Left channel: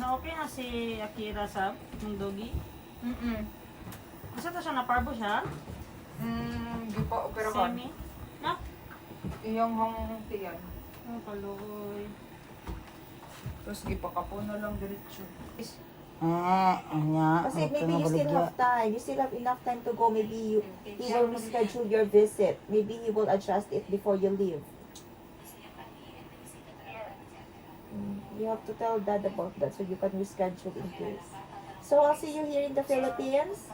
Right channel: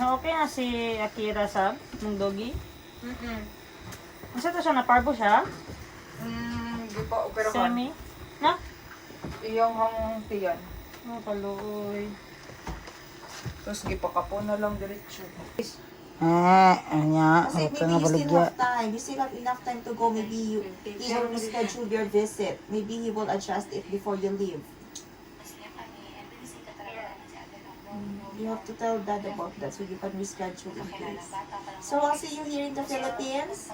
Na okay na si Akira sa mong doggy? Isa to siya, naparbo siya? Di pa operahan. Semi? Na? Iyong hang tiyan. Ang kaluoy. Tapos gipakapo na lang diretso. Anya, Kasi ito maybe na you still baligya. have time. You still have enough time to go. Maybe he will reschedule your visit. Maybe he will adjust it before you leave. You have to tell Dad about that so you can reschedule in case. So I'll see you here in the Philippines.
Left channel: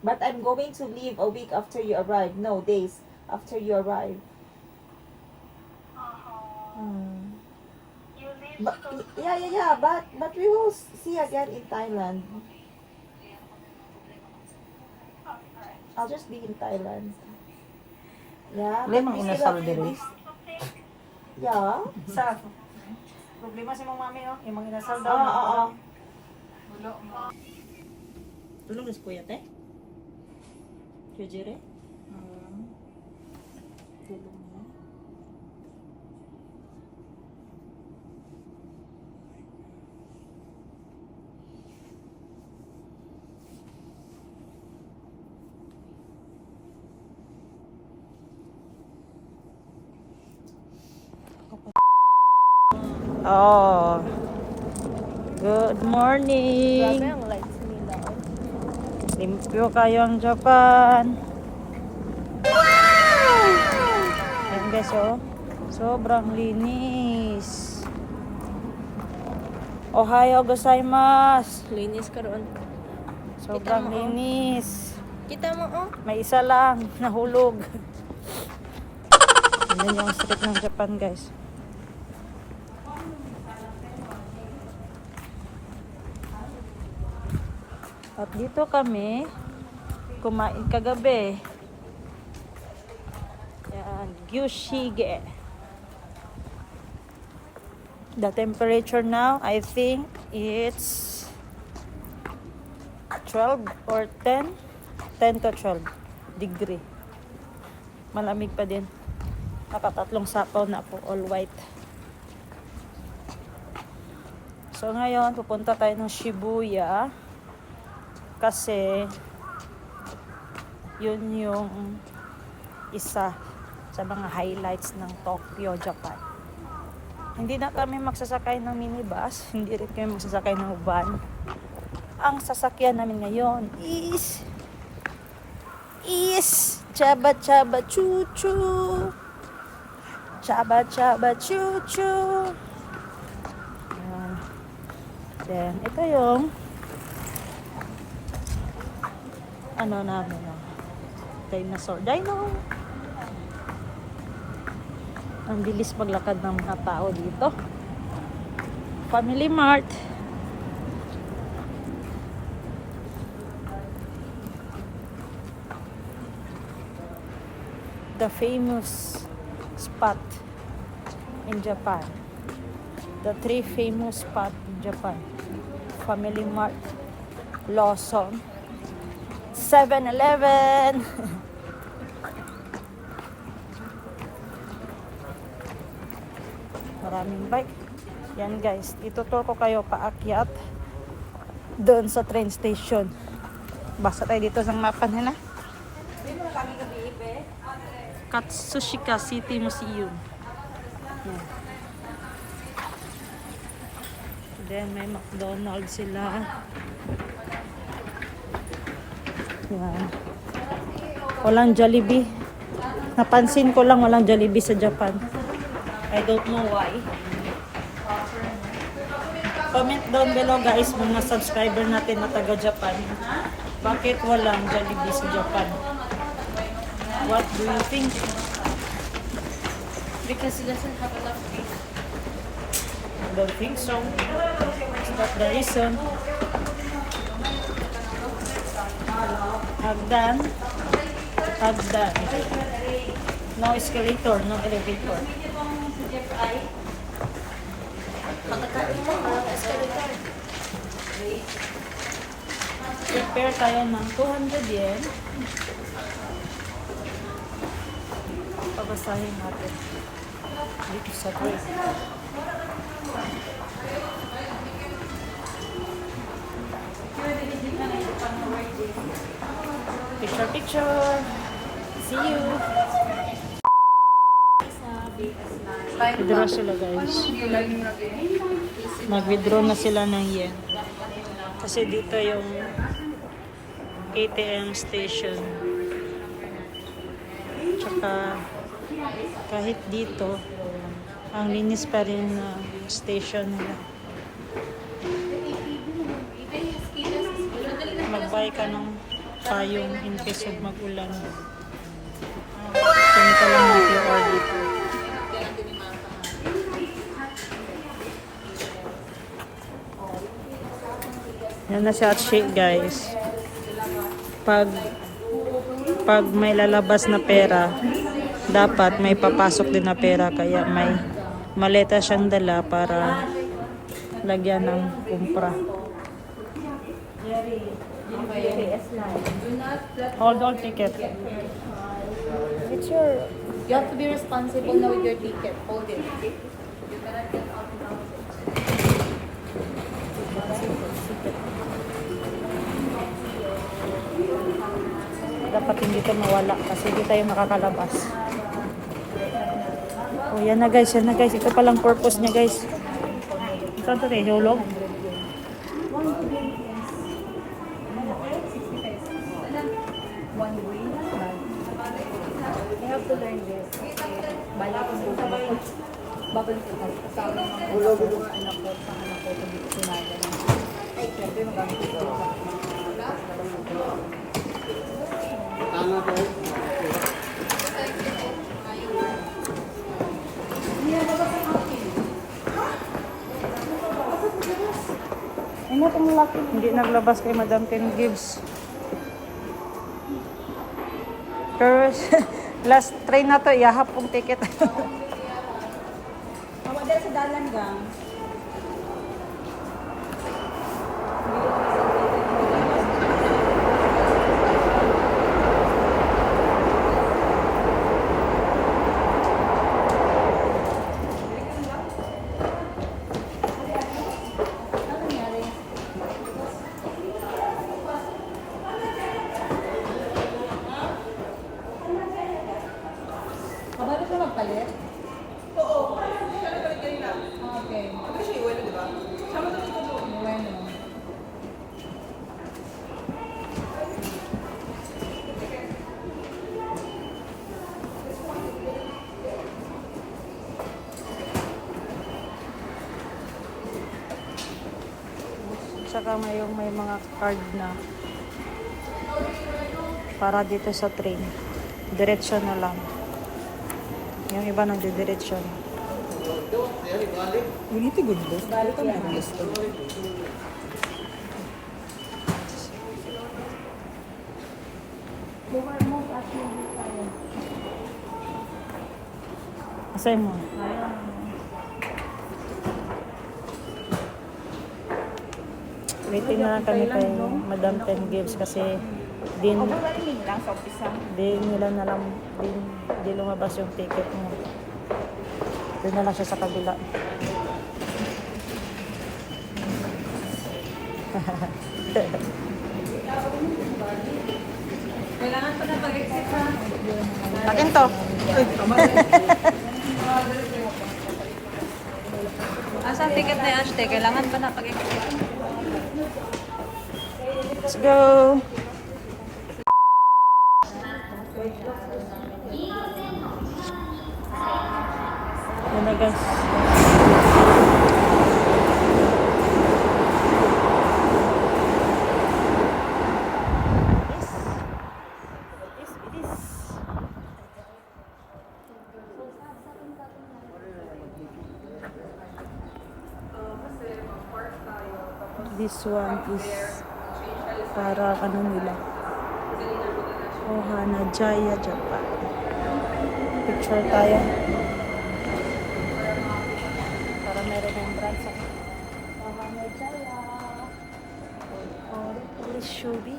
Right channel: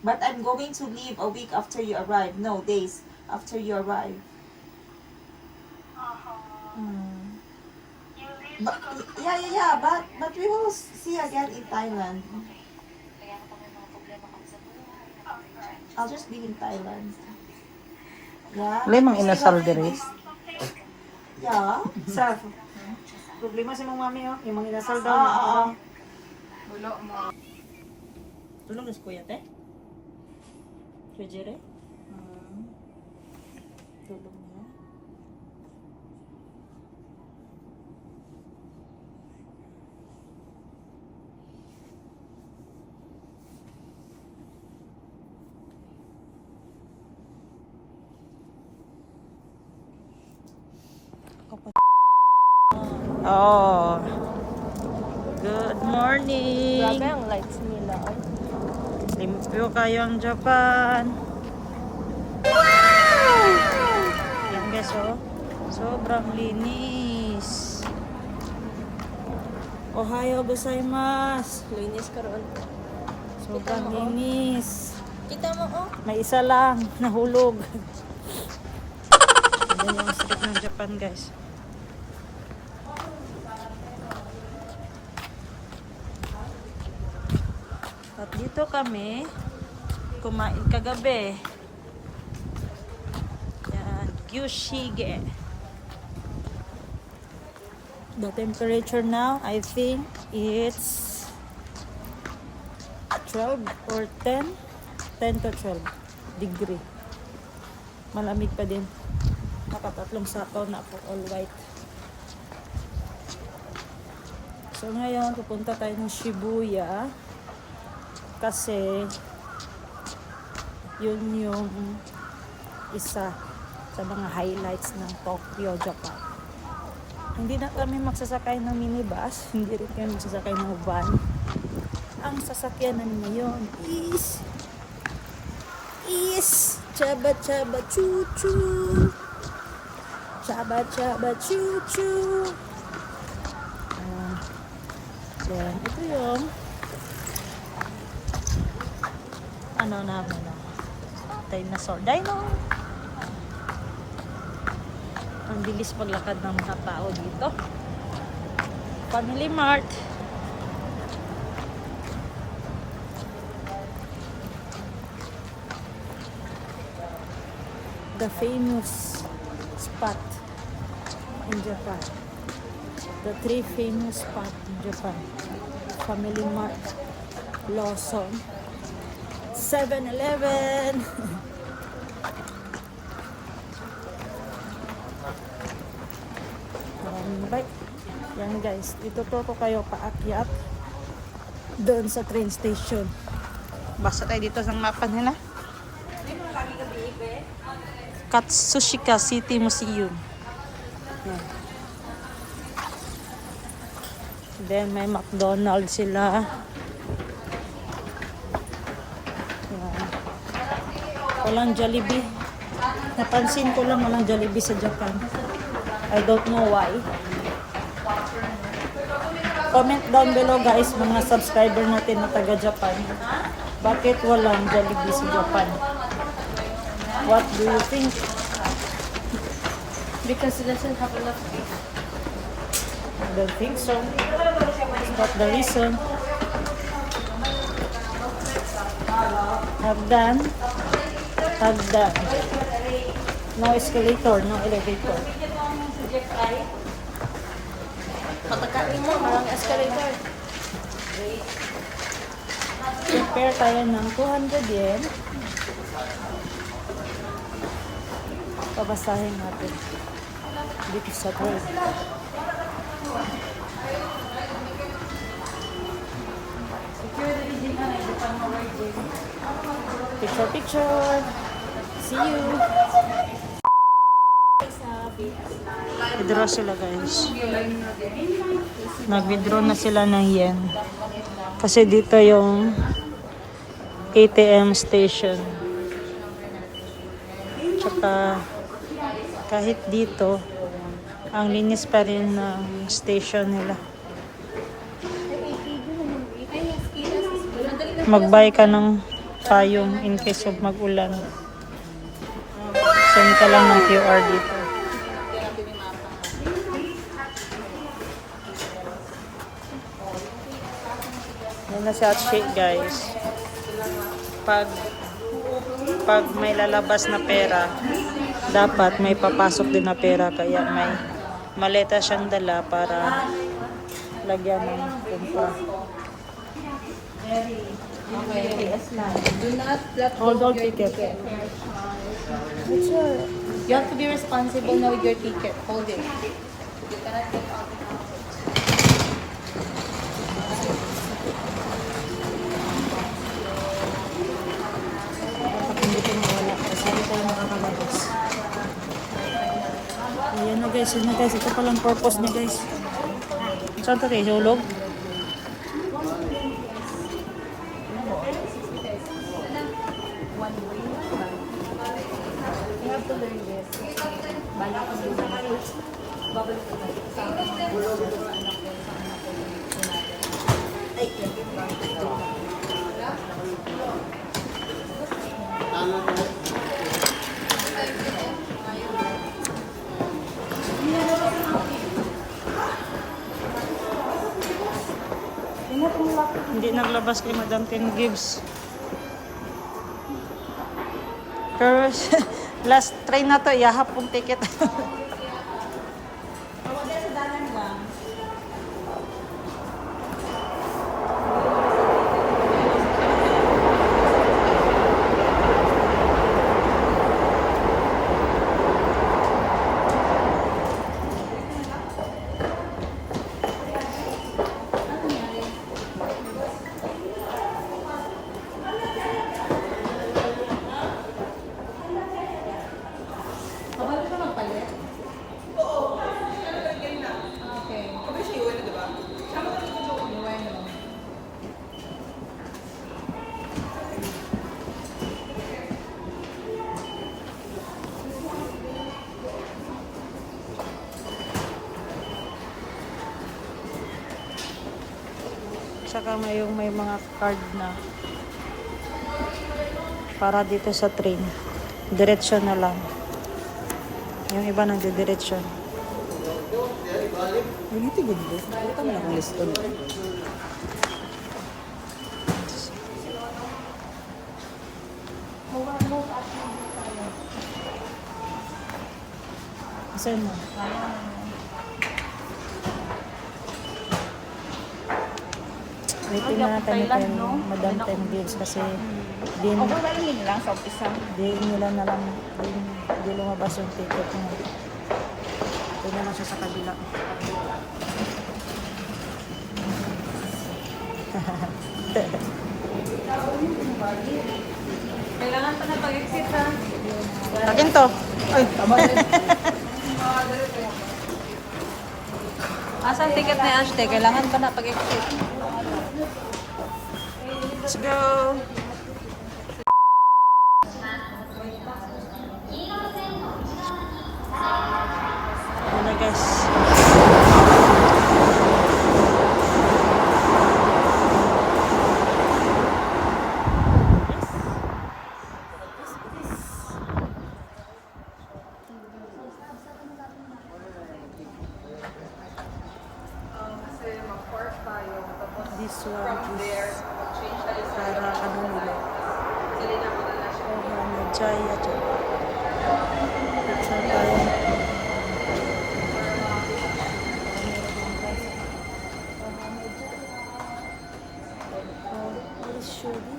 But I'm going to leave a week after you arrive. No, days after you arrive. But, yeah. But we will see again in Thailand. I'll just be in Thailand. Yeah. Limang we still inasal have diri. this- Yeah. Sa problema si mong mami, oh. Yung mga inasal daw. Wala mo. Tulog na si Kuya, te? Kuya Jere? Tulog na. Oh. Good morning. Limpyo kayo ang Japan. Wow! Yan guys, oh. Sobrang linis. Ohayo gozaimasu. Linis ka ron. Sobrang linis. Kita mo, oh. May isa lang nahulog. Yan yung street ng Japan, guys. At dito kami kumain kagabi. Yan, Gyushige. The temperature now, I think it's 12 or 10. 10 to 12 degree. Malamig pa din. Nakatatlong sapaw na ako, all white. So ngayon, pupunta tayo ng Shibuya. Kasi yun yung isa sa mga highlights ng Tokyo, Japan. Hindi na kami magsasakay ng minibus, hindi rin kami magsasakay ng van. Ang sasakyan namin ngayon is Chaba Chaba Choo Choo. Chaba Chaba Choo Choo. Then ito yung ano namin, dinosaur. Dino! Ang bilis maglakad ng mga tao dito. Family Mart. The famous spot in Japan. The 3 famous spot in Japan. Family Mart, Lawson, 7-Eleven. Maraming bike. Yan guys, ituturo ko kayo paakyat doon sa train station. Basta tayo dito sa mapa nila. Katsushika City Museum. Yan. Then may McDonald's sila. Walang Jollibee. Napansin ko lang walang Jollibee sa Japan. I don't know why. Comment down below guys, mga subscriber natin na taga Japan. Bakit walang Jollibee sa Japan? What do you think? Because it doesn't have enough. I don't think so. Is that the reason? Hagdan. Hagdan. No escalator, no elevator. Prepare tayo ng 200 yen. Pabasahin natin. Dito sa train. Picture, picture. See you. Withdraw sila guys. Nag-withdraw na sila ng yen. Kasi dito yung ATM station. Tsaka kahit dito, ang linis pa rin ng station nila. Mag-buy ka ng payong in case of mag-ulan. Send ka lang ng QR dito. Yan na siya shake guys. Pag may lalabas na pera, dapat may papasok din na pera. Kaya may maleta siyang dala para lagyan ng impra. Hold on ticket. Picture. You have to be responsible now with your ticket. Hold it. Dapat hindi ito mawala kasi hindi tayo makakalabas. Oh, yan na guys, yan na guys. Ito palang purpose niya guys. Saan ito tayo? Hulog? Hindi naglabas kay Madam Ten Gibbs. Pero last train na to, ihahap pong ticket. Kabalo ka magpalit? Oo. Siya nagpalit kanina. Okay. Sabi siya iwan, di ba? Sama ka dito doon. Bueno. Tsaka may mga card na para dito sa train. Diretsyon na lang. Yung iba nang diretsyon. Hindi tigod ba? Ito na akong list. Asan mo? Waiting na lang kami kay Madam Ten Gibbs kasi din lang sa umpisa. di lumabas yung ticket niya. Di na lang siya sa kabila. Kailangan pa na pag-exit ha. Akin to. Uy. Asan ticket na yan? Kailangan pa na pag-exit. Let's go. Yun na guys. This one is para ano nila. Mahana Jaya. Picture tayo. Para may remembrance ako. Mahana Jaya. Or Shubi.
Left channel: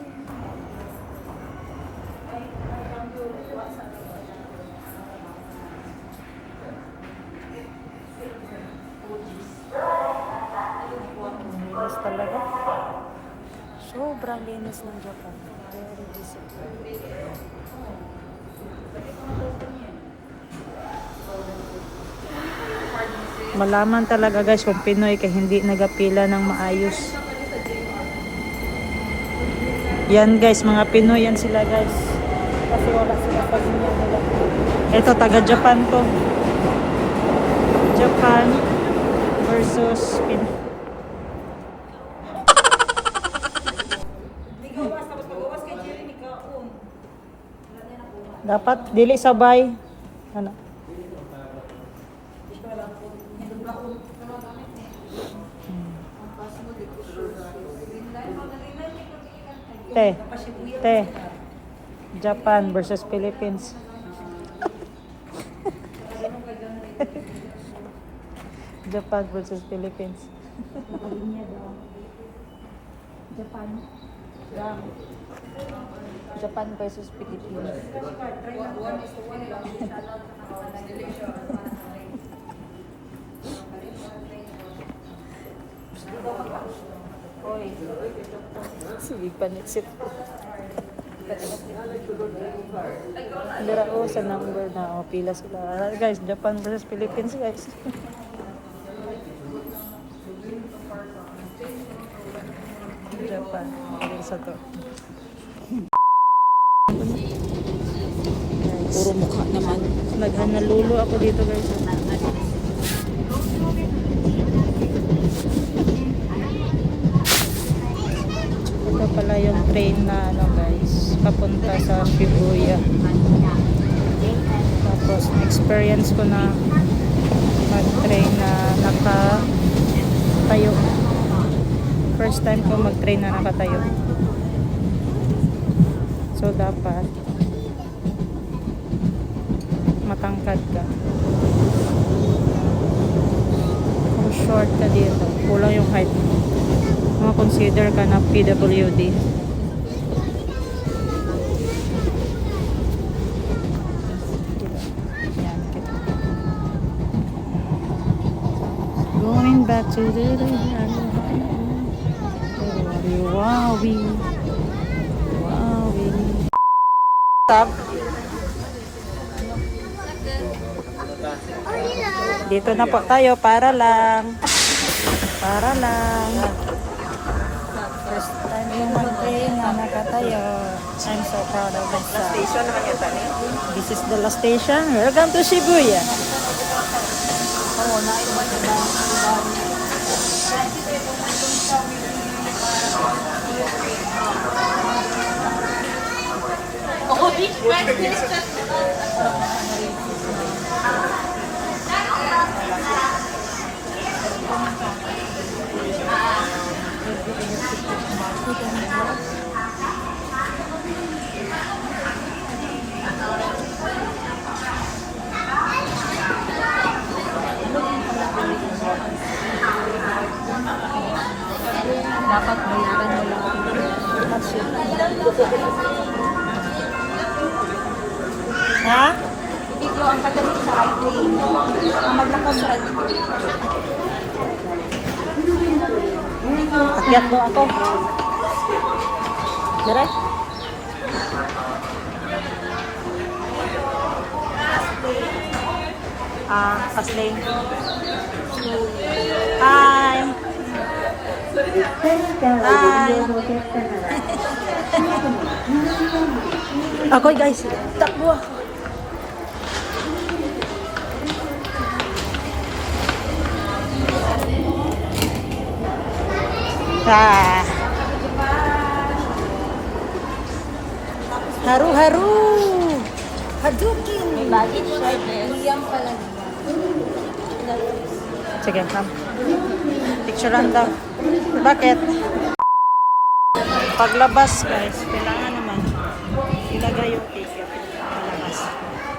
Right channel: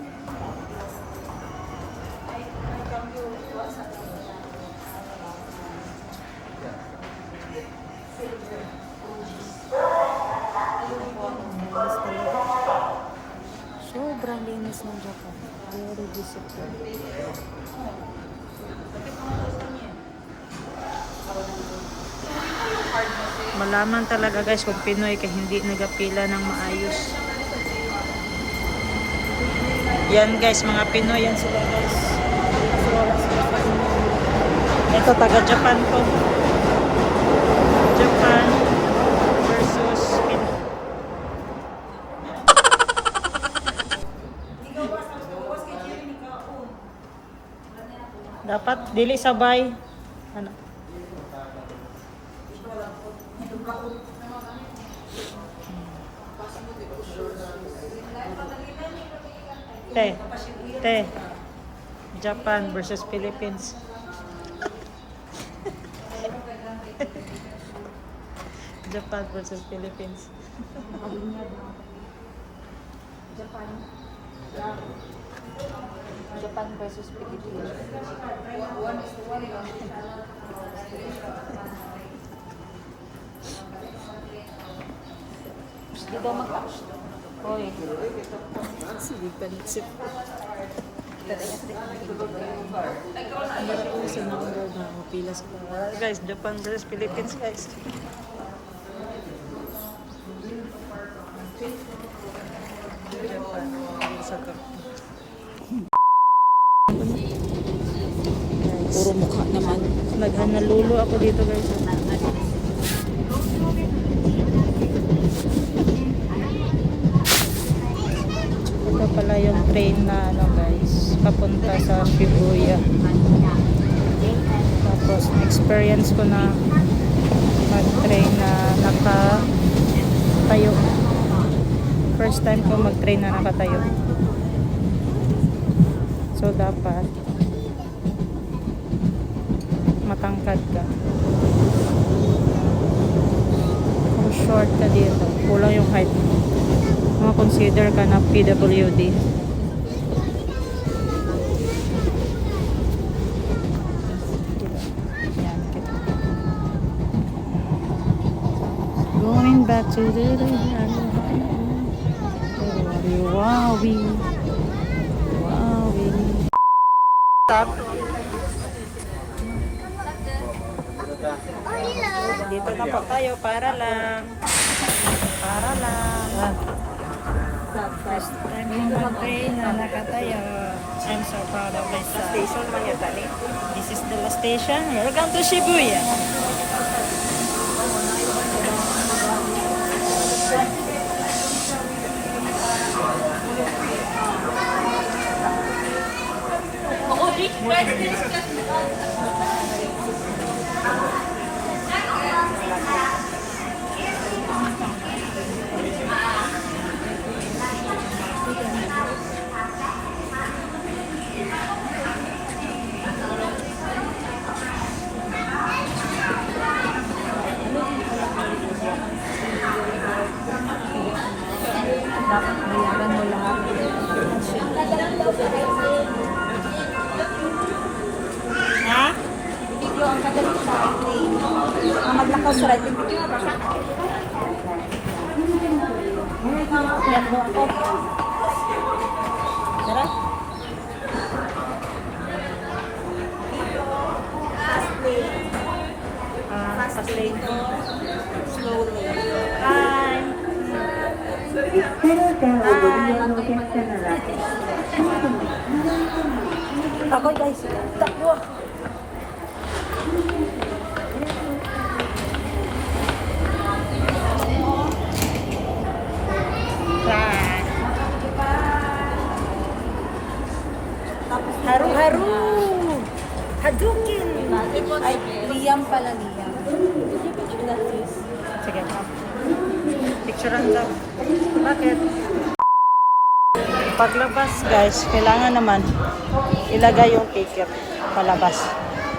linis ng Japan. Very disciplined. Malaman talaga guys kung Pinoy kaya hindi nagapila ng maayos. Yan guys, mga Pinoy yan sila guys. Kasi wala sila pa nila. Ito taga Japan ko. Japan versus Pinoy. Dapat dili sabay. Ano? Te. Japan versus Philippines. Japan versus Philippines. Japan versus Pilipinas. Sige, panitsip. Dira ko sa number na pila sila. Guys, Japan versus Philippines guys. Japan. Sa to. Puro mukha naman. Naghanalulu ako dito guys. Ito pala yung train na ano guys, papunta sa Shibuya. Tapos experience ko na mag-train na nakatayo. First time ko mag-train na nakatayo. So dapat matangkad ka. Kung short ka dito, kulang yung height mo. Consider ka na PWD. Yan, kita. Going back to the Wowie. Stop. Dito na po tayo para lang. First time yung mag-train na nakatayo. I'm so proud of myself. This is the last station. We're going to Shibuya. Dapat bayaran mo lang. Ha? Ito ang katalang writing. Ang maglutos writing. Akyat mo ako. Direct? Fast lane. Slowly. Hi! Ako guys, takbo. Haru-haru. Hadouken. Liam pala. Sige, come. Picturean daw. Bakit? Paglabas guys, kailangan naman ilagay yung ticket palabas.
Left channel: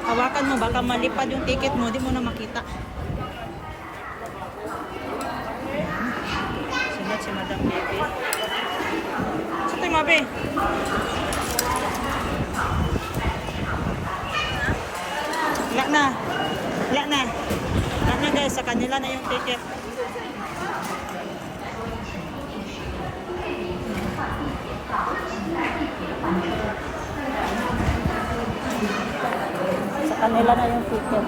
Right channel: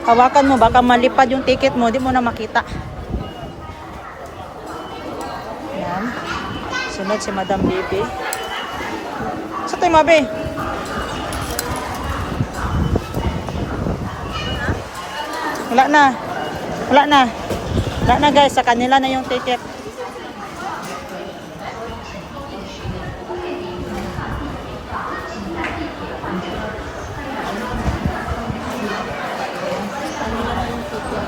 Hawakan mo, baka malipad yung ticket mo, di mo na makita. Yan. Sunod si Madam Bibi. Sa tayo, Mabe? Wala na. Wala na. Wala na guys, sa kanila na yung ticket. kanila na yung ticket.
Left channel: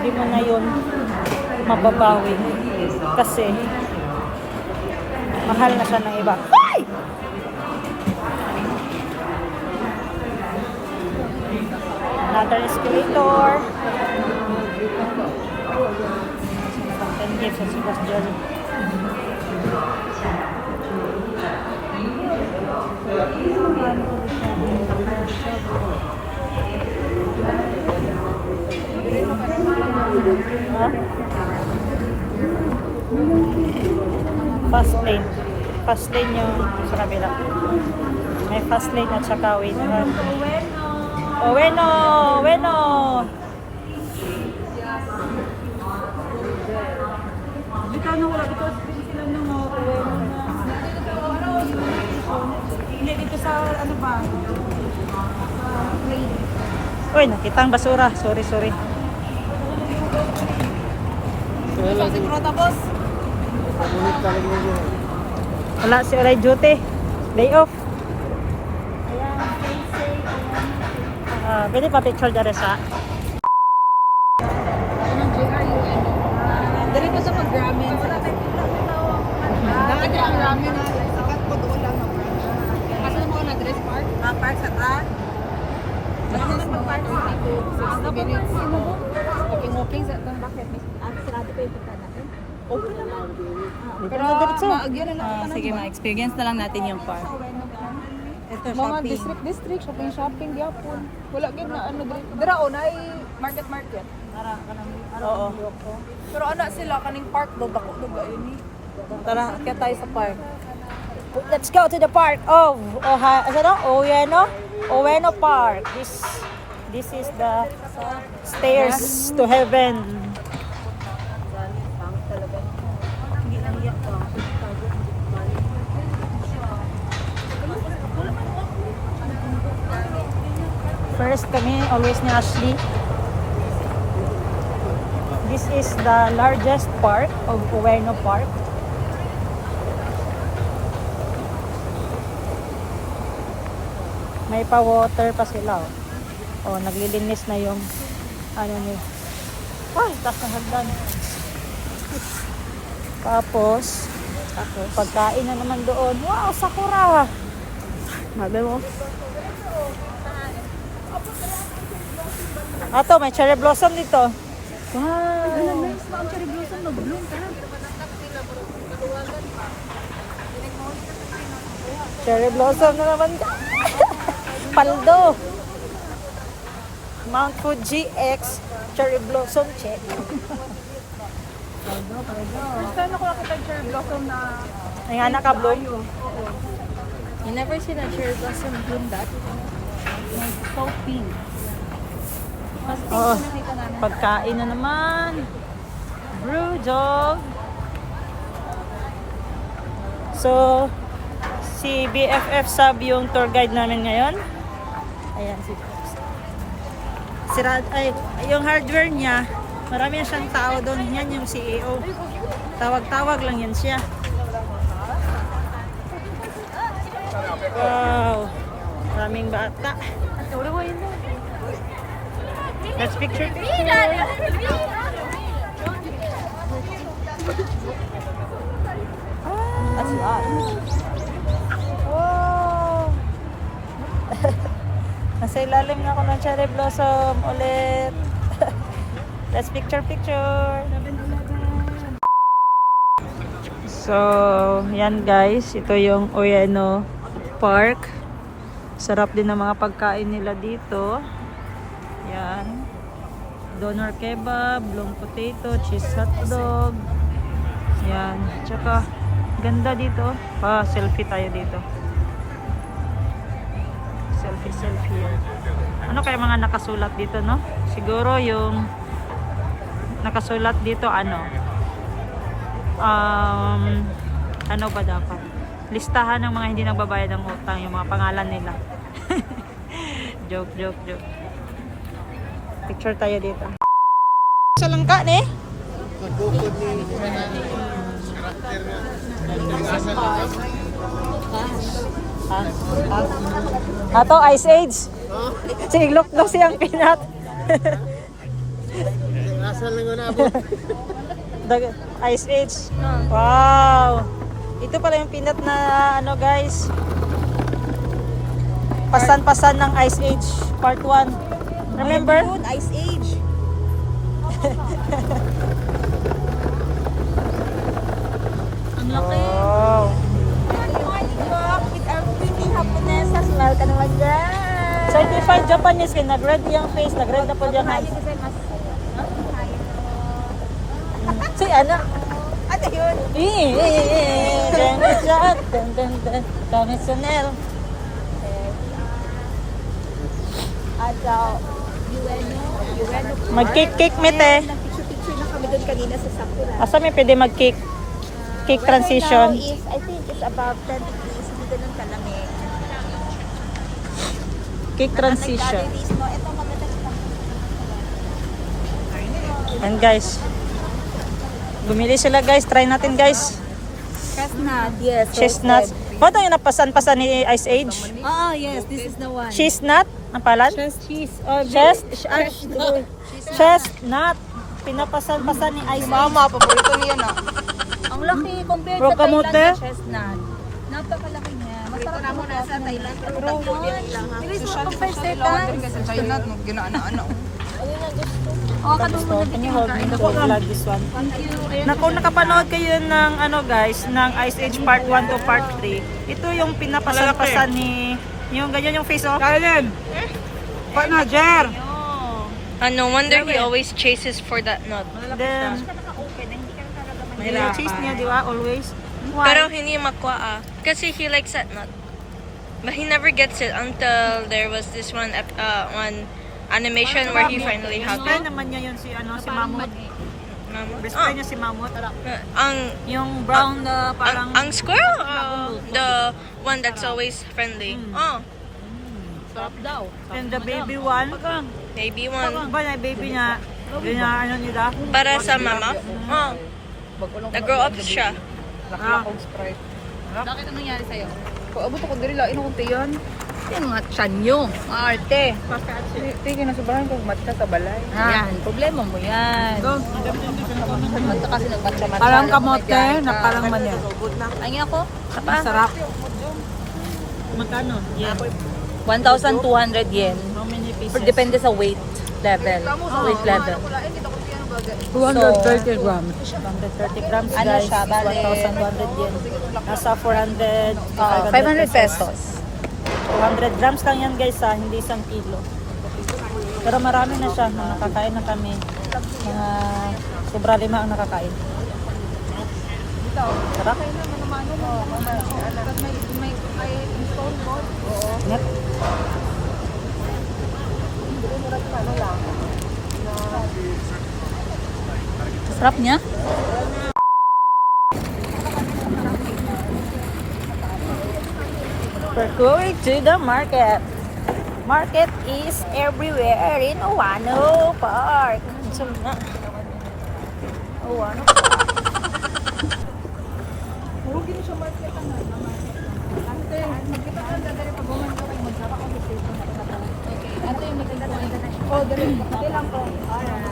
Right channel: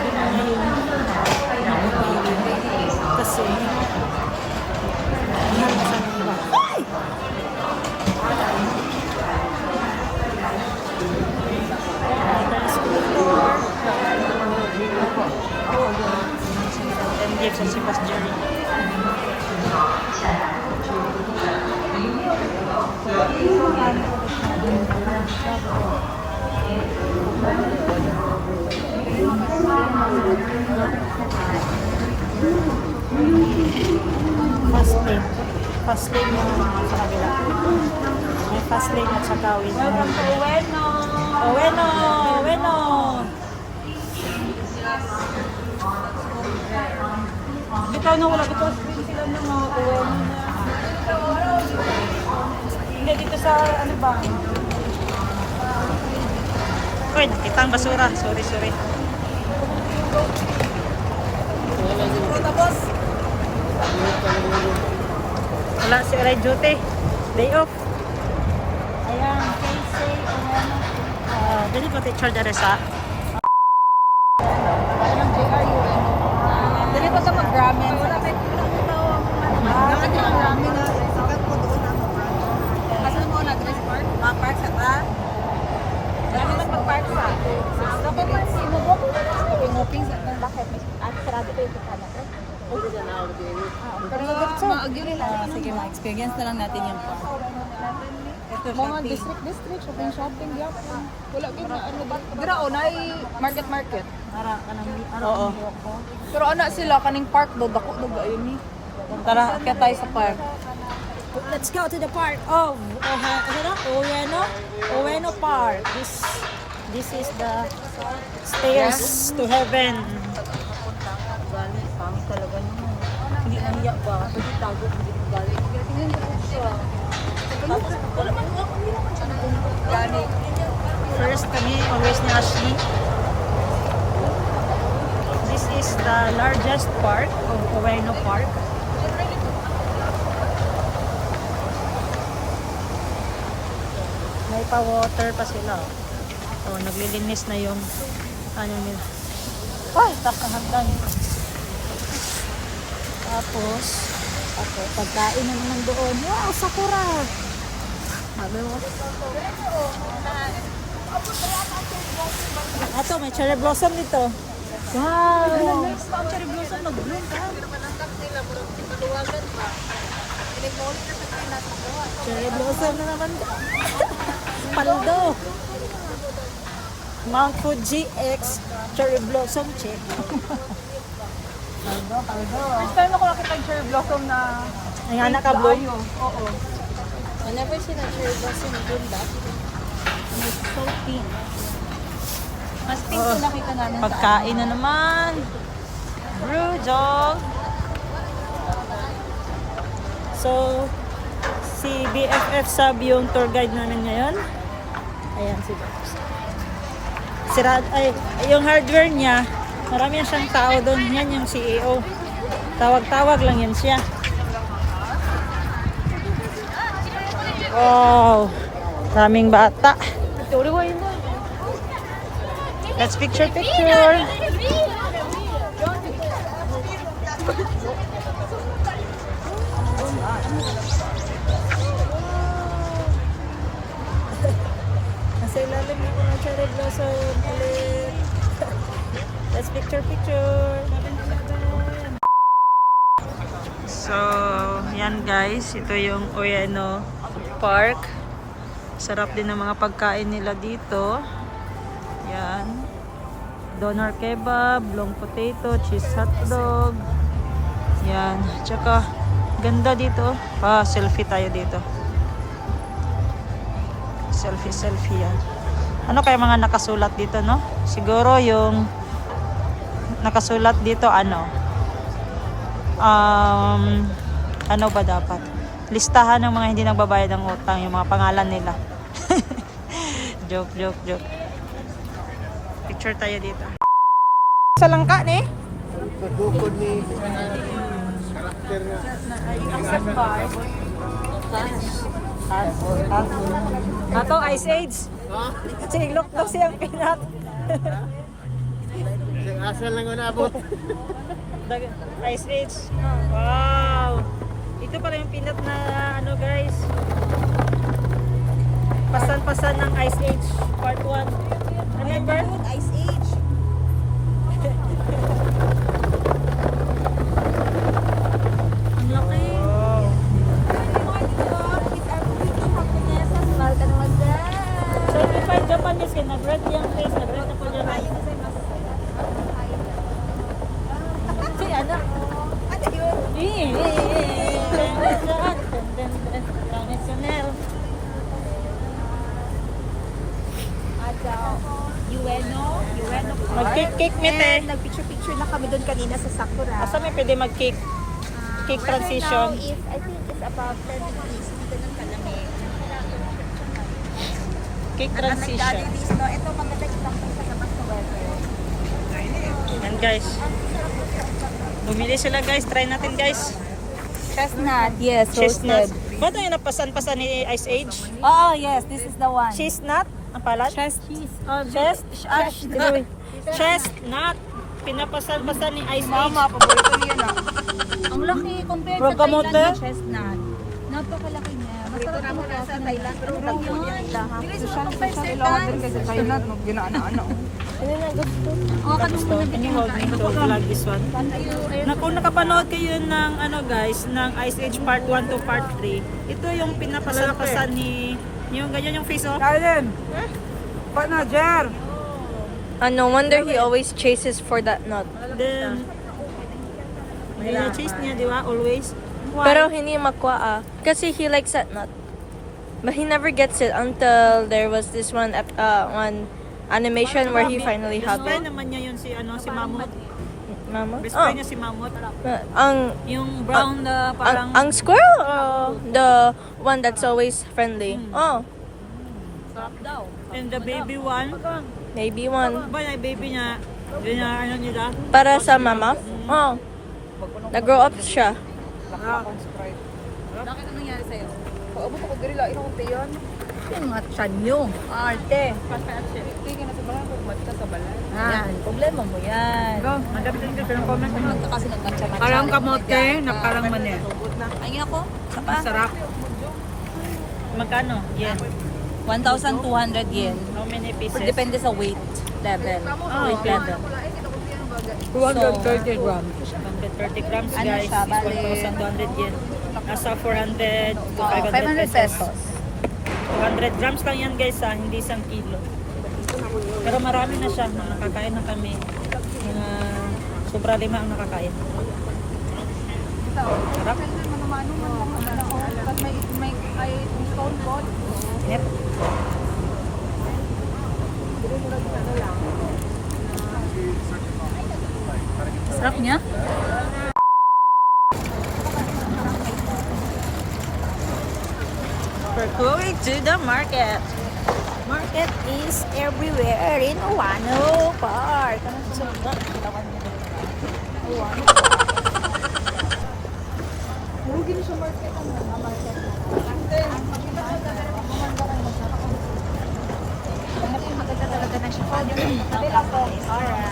Hindi mo ngayon mababawi kasi mahal na sa ng iba. Ay! Another escalator. Kasi nakatendip sa Sebastian. Fast lane. Fast lane yung sa kabila. May fast lane at saka wing. Oweno! Oweno! Ikaw na wala. Ito sila ng mga Oweno na. Hindi dito sa ano ba? Uy, nakita ang basura. Sorry, sorry. Wala si Olay duty. Day off. Pwede pa picture dyan sa Anong JRUN? Dali pa sa mag-ramen. Dapat yung ramen na isikat ko doon lang ang branch. Asan mo na address park? Park sa ka? Address mo park sa 60 minutes. Walking sa itong bakit. Sarado ko yung kasama ko. Okay na lang. Pero mag-yun lang. Sige, ma-experience na lang natin yung park. Ito, shopping. District, shopping, yapon. Wala ka na, ano ba? Pero o, market. Oo. Pero ano sila, kaning park do, dako ayun ni. Tara, kaya tayo sa park. Let's go to the park of Oweno Park. This is the stairs to heaven. Hindi niya pa. Tago, hindi mo galing. First kami, always ni Ashley. This is the largest park of Oweno Park. May pa-water pa sila. Oh, naglilinis na yung ano ni. Ay, taas ng hagdan. Tapos, pagkain na naman doon. Wow, sakura! Sabi mo. Ato, may cherry blossom dito. Wow! Nice na ang cherry blossom. Nag-bloom ka. Cherry blossom na naman. Paldo. Mount Fuji X cherry blossom check. Paldo. First time ako nakita yung cherry blossom na Ay, anak ka bloom. oo. You never see that cherry blossom bloom that. Like, so pink. Mas pink yung nakita namin. Pagkain na naman. Brew dog. So, si BFF Sub yung tour guide namin ngayon. Ayan si BFF Sub. Yung hardware niya, marami na siyang tao doon. Yan yung CEO. Tawag-tawag lang yun siya. Wow! Maraming bata. Let's picture. Wow! Nasa ilalim na ako ng cherry blossom ulit. Let's picture. So, yan guys. Ito yung Oweno Park. Sarap din ng mga pagkain nila dito. Yan. Doner kebab, long potato, cheese hotdog. Yan. Tsaka, ganda dito. Pa-selfie tayo dito. Selfie yan. Ano kaya mga nakasulat dito, no? Siguro yung nakasulat dito, ano ba dapat? Listahan ng mga hindi nagbabayad ng utang, yung mga pangalan nila. Joke. Picture tayo dito. Sa langka, ne? Ato, Ice Age. Siglok daw siyang pinat. Ice Age. Wow. Ito pala yung peanut na ano guys. Pasan-pasan ng Ice Age Part 1. Remember? Ice Age. Ang laki. Wow. Smile ka naman dyan. Certified Japanese kaya nag-red yung face, nag-red na po dyan. So, ano? Ano yun? Yueno. Mag-cake meet eh. Nag-picture-picture na kami doon kanina sa Sakura. Asa may pwede mag-cake? Cake transition. Right now is, I think it's about 10 degrees. Hindi ganun kalaki. Cake transition. Nag-days, no? Ito maganda kita sa labas sa weather. And guys. Bumili sila guys. Try natin guys. Chestnut, yes. Chestnuts. Ba't yung napasan-pasan ni Ice Age? Oh, yes. This is the one. Chestnut? Ang palan? Cheese. Chestnut. Pinapasan-pasan ni Ice Age. Mama, paborito niya na. Ang laki compared sa Rogamote? Thailand na chestnut. Napakalaki niya. Masarap ako na sa Thailand. Pero Social kailangan din kasi sa Thailand. No? Ginaana-ana. Oh, Gusto, can you hold me to vlog this one? Kung nakapanood kayo ng ano guys, ng Ice Age Part 1 to Part 3, ito yung pinapasan-pasan ni, yung ganyan yung face oh. Paano, Jer? No wonder he always chases for that nut. Then, chase niya, di ba? Always. Why? Pero hindi makuha kasi he likes that nut. But he never gets it until there was this one one animation where he finally Best had friend it. naman niya yun si, ano, si Mamut. Mama? Best Oh, friend niya si Mamut. Yung brown na parang... ang squirrel or the one that's always friendly? Oh, And the baby one. maybe one. Ba na baby niya, ganyan ano nila. Para sa mama? Oh, nag-grow up siya. Bakit ang nangyari sa'yo? Paabot ako diri lang, inuunti yun. Yung mga tiyan nyo. Arte. Tingin na sobrahan kung matcha sa balay. Yan, problema mo yan. Go, madami din dito ng comment naman. Kasi nagmatcha matcha. Parang kamote, na parang manya. Ay ako? Masarap. Magkano? Yen. 1,200 yen. How many pieces? Depende sa weight level. Weight level. 230 grams. 230 grams Ano guys. siya, bale? 1,200 yen. Nasa 400 to 500 pesos. 200 grams lang yan guys ha, hindi isang kilo. Pero marami na siya, nakakain na kami. Mga sobra 5 ang nakakain. Ito. Sarap. Kaya na manumano man lang naman ako. Tapos may yung stone cold. Yep. Ano lang. Sarap niya. We're going to the market. Market is everywhere in Owano Park. Owano Park. Huwag gini siya market ano. Market. Ante, magkataon na dali pag buman ko kayo magkakaon. Ano yung maganda talaga na siya. Oh, dali kapatid lang po.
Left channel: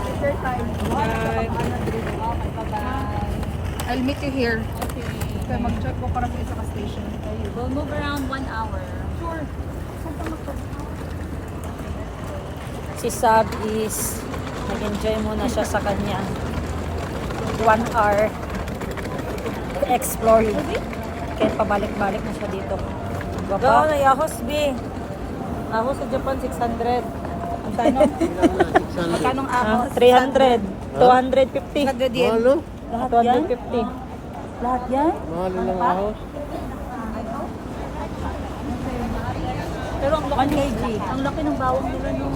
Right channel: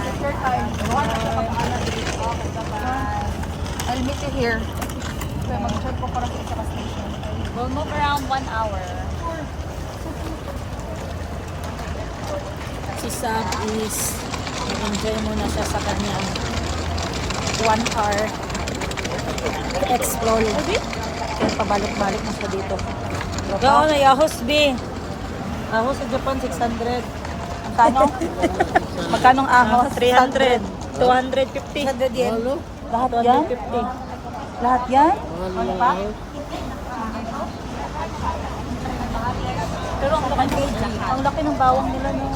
Picture time. I'll meet you here. So, mag-check ko para sa station. We'll move around 1 hour. Si Sab is nag-enjoy muna siya sa kanyang 1 hour explore. Kaya pabalik-balik na siya dito. Gapa? Ay, ahos B. Ahos sa Japan, 600. Ang kano? Magkanong ahos? 300. 250. 100 yen. Lahat 250. Lahat yan? Pero ang 1 kg. Ang laki ng bawang nila no.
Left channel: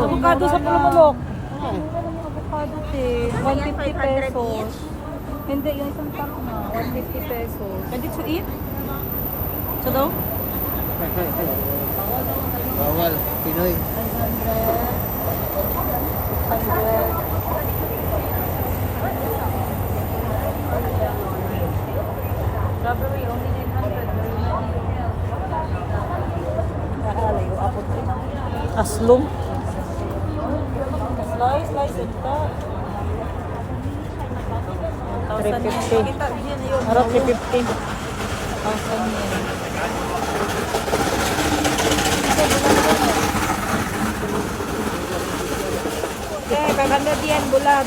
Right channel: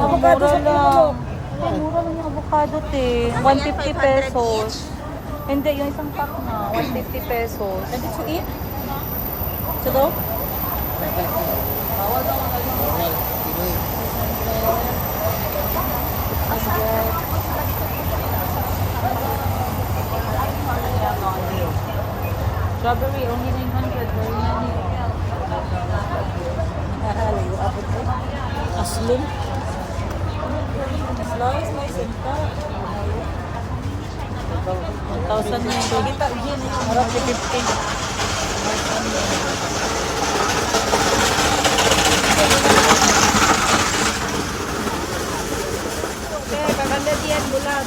Avocado sa pulumulok. Avocado eh. 150 pesos. Hindi, yung isang kilo na. 150 pesos. Ready to eat? So daw? Strawberry, only 900. Very yummy. Nakakalayo. Aslong. Slice and cut. 1,050. 1,050. Kaya kaganda diyan bulag.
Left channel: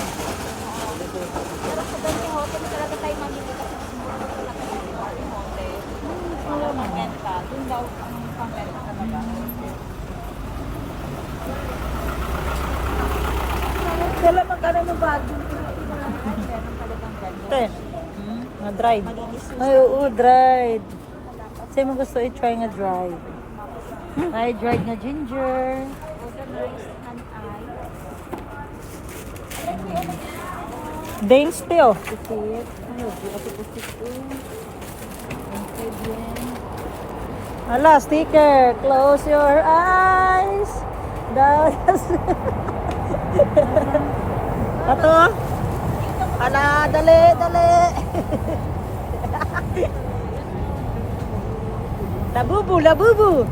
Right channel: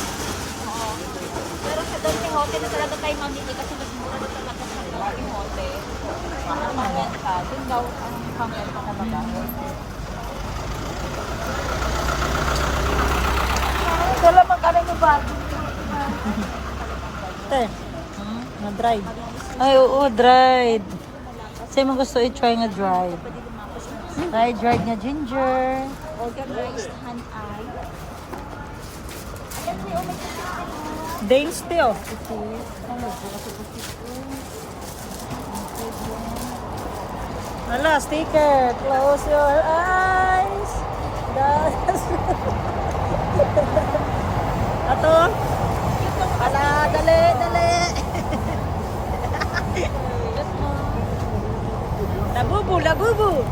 Te, nga dried. Ay, oo, dried. Kasi mo gusto i-try nga dried. Ay, dried nga ginger. Dames te, oh. Ano, bukas ipustik ko. Ala, sticker. Close your eyes. Guys. Ito, ah. Dali. Labubu.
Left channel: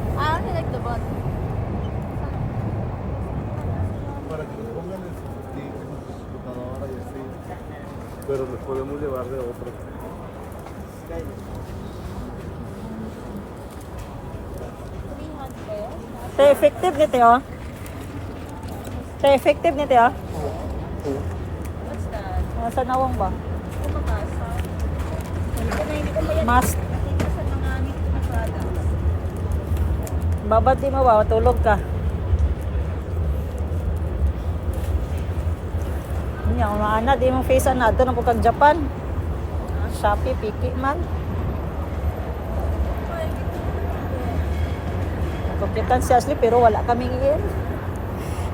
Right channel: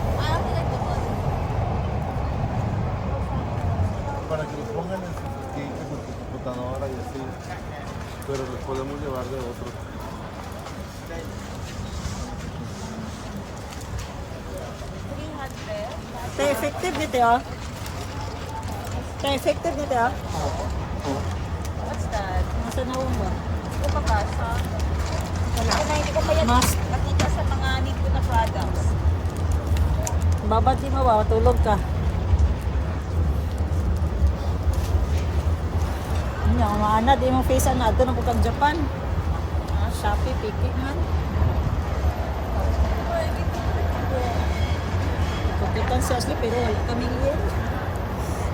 Para que los pongan en sus computadora y así. Pero los podemos llevar de otro. Te effective nito, oh. Te effective nito, oh. Nasa nawang ba? Mas. Babad di mo ba? Matulog ka. Hindi ako maana. Di mong face na ito na po kag Japan. Shopee, piki man. Kumpitan si Ashley pero wala kaming yen.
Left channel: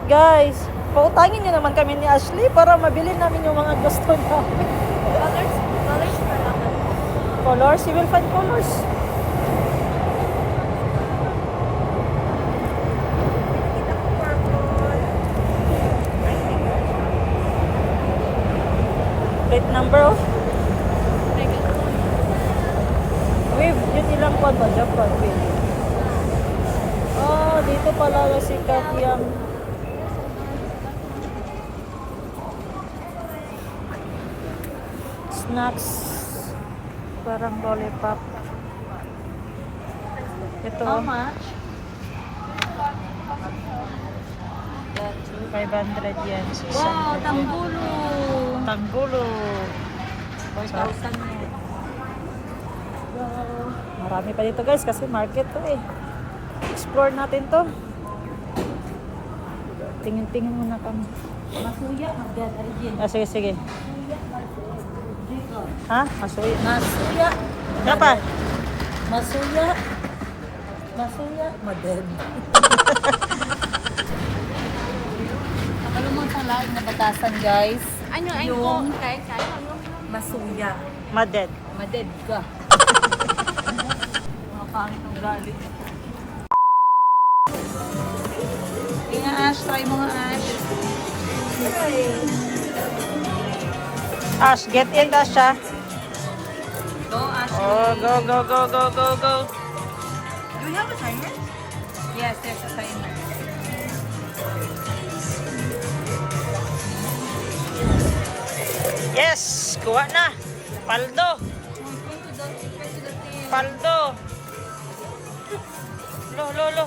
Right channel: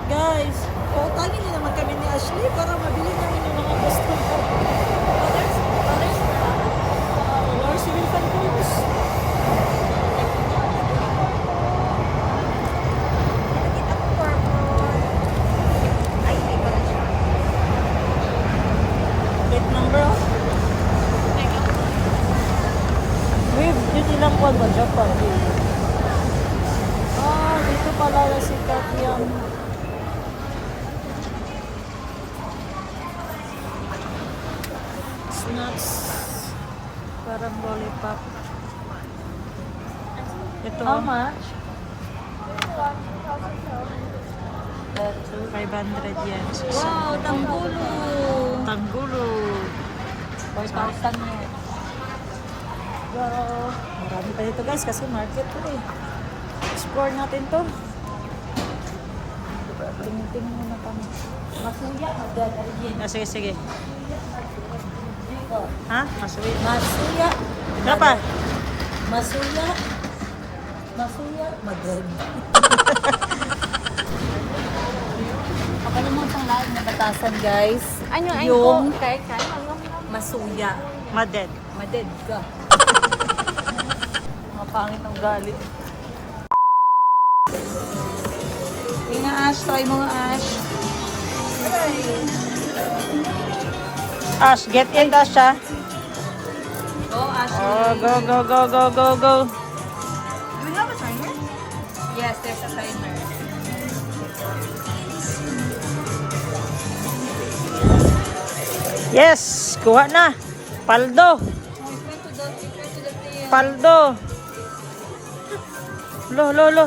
Guys, pautangin nyo naman kami ni Ashley para mabili namin yung mga gusto mo. Colors? You will find colors. Plate number, oh. Wave, yun ilang kwan ba? Japan, wave. Ah, dito pala na si Katyang. Snacks. Parang lollipop. Ito. How much? 500 yen. 600. Oh, Tanggulo. 5,000. Marami pa dito guys kasi market to eh. Explore natin to. Tingin-tingin muna kami. Masuya, magdad, arigin. Ah, sige. Ha? Masuya. Dapat. Masuya. Madrid. Pakalumang lahat na batasan guys. Ano Yung kay masuya. Maded. Maded ka. Mga pangit ang galing. Tingnan Ash, try mo Ash. Ash, get in, Asha. Go Ash. Oh, go. You have a timer? Yes, there's a timer. Yes, kuha na. Paldo. Lo.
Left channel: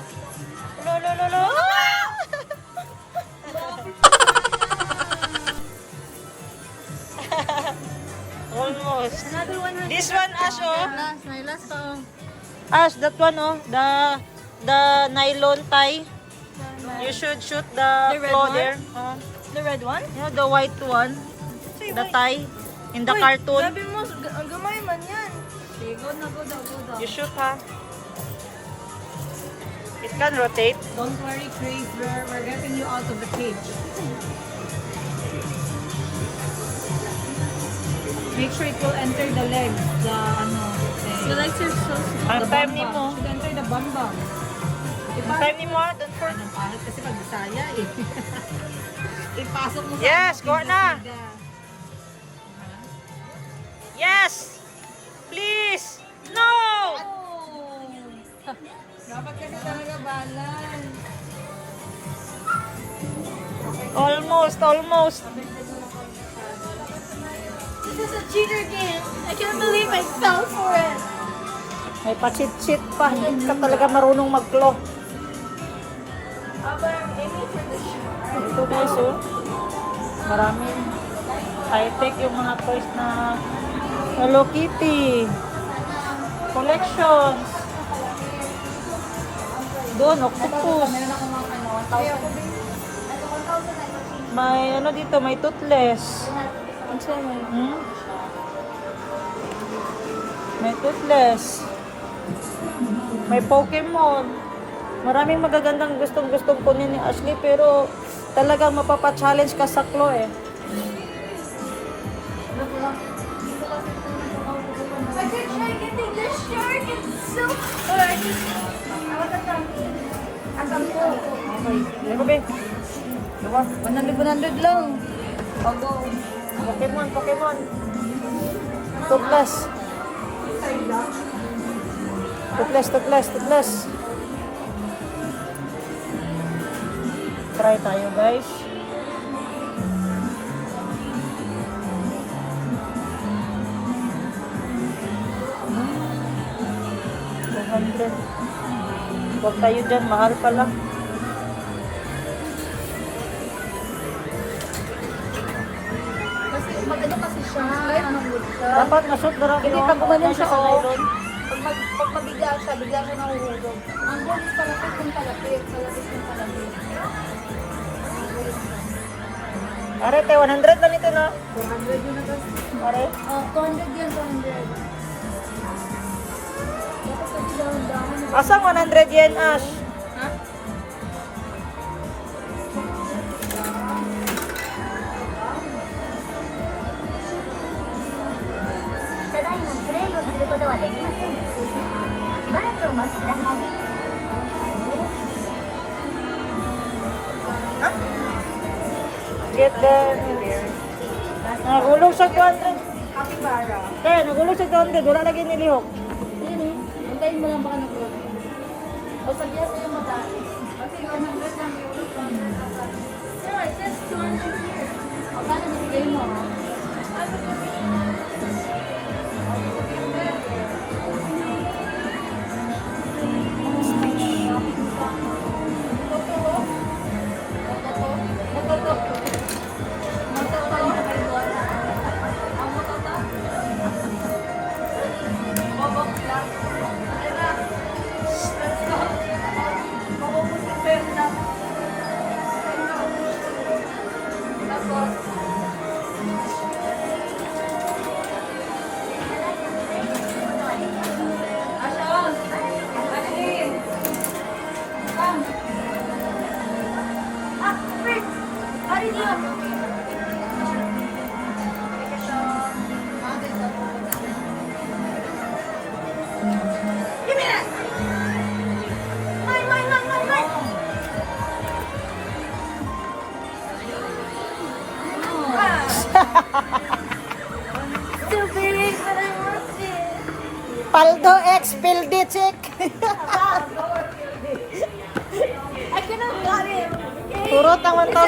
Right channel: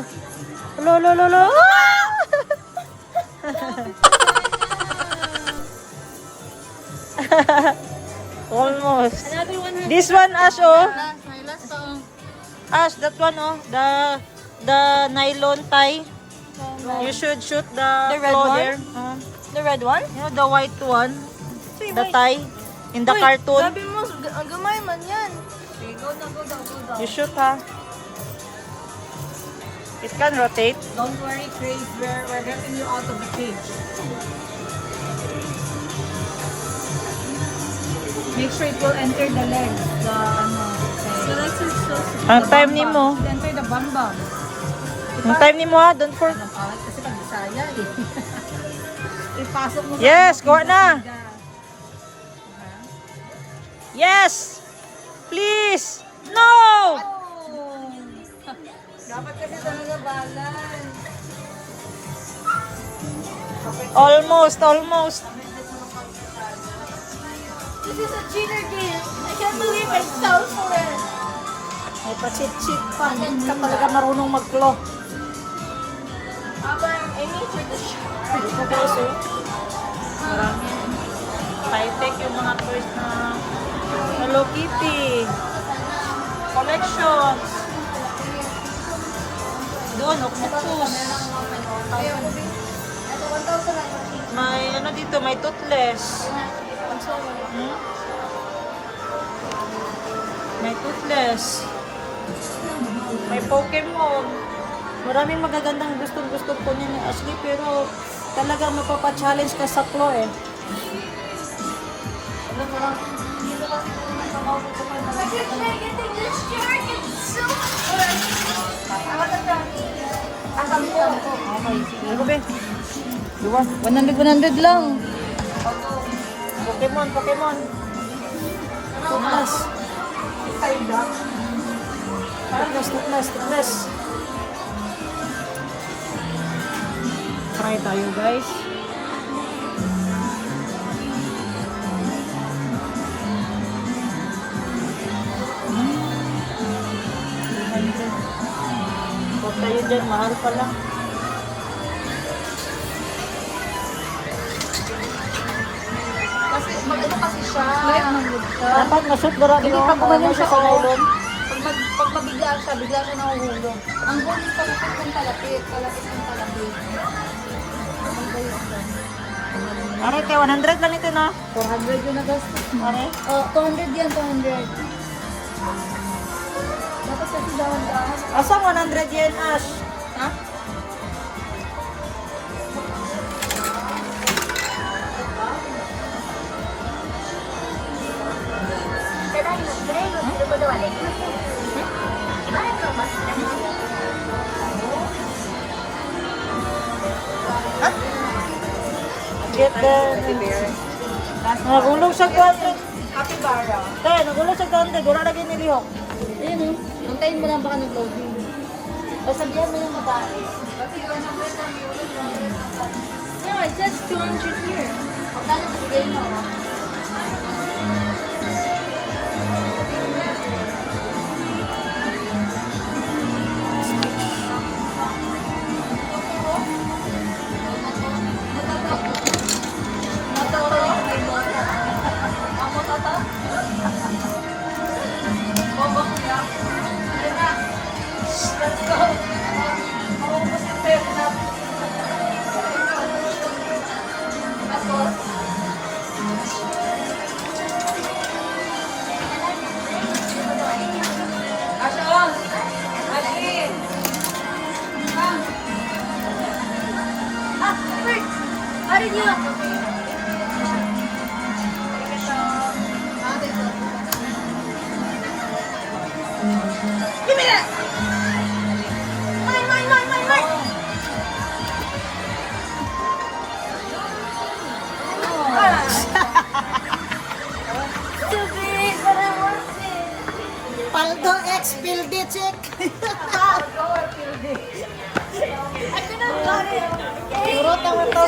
Almost. Another one. This one, Ash, oh. My last song. Ash, that one, oh. The nylon tie. You should shoot the red claw one? there. The red one? You know, the white one. The tie. In the cartoon. Sabi mo, ang gamay man yan. Okay, go na. You shoot, ha. It can rotate. Don't worry, Craig. We're getting you out of the cage. Make sure it will enter the legs. The the legs are so Ang time ni mo. Should enter the bambang. Ang time ni mo, ha. Don't forget. Kasi pag Bisaya eh. Ipasok mo Yes, kuha na. Diba? Yes! Please! No! Dapat kasi talaga balance. Almost, almost. This is a cheater game. I can't believe I fell for it. May pa-cheat-cheat pa. Hindi ka talaga marunong mag-claw. Dito guys, oh. Marami. High-tech yung mga toys na Hello Kitty. Collections. Doon, octopus. May ano dito, may toothless. Hmm? May toothless. May Pokemon. Maraming magagandang gustong-gustong kunin ni Ashley pero talagang mapapa-challenge ka sa claw eh. Ano ba? Dua. 100 lang. Pokemon, Pokemon. Toothless. Toothless, toothless, toothless. Try tayo guys. Huwag tayo dyan, mahal pala. Kasi mag-ano kasi siya. Dapat masot ba rin yung ano siya sa nylon? Pag mabigla siya, bigla siya nahuhulog. Ang goal is palapit kung palapit. Palapit kung palapit. Ang goal is that. Are, te, 100 lang ito na. 400 yun na guys. Are, Oh, 200 yan, 200. Dapat sa dahan-dahan. asang 100 yen, Ash? Ha? Get the... Nagulog sa 200. Te, nagulog sa 200. Wala lagi nilihok. Ayun, antayin mo lang baka nag-login. O sabihan mo yung babae. No, it says 200 here. Magkano na bigay mo? Paldo X Pildichik. I couldn't got it. Turot naman to.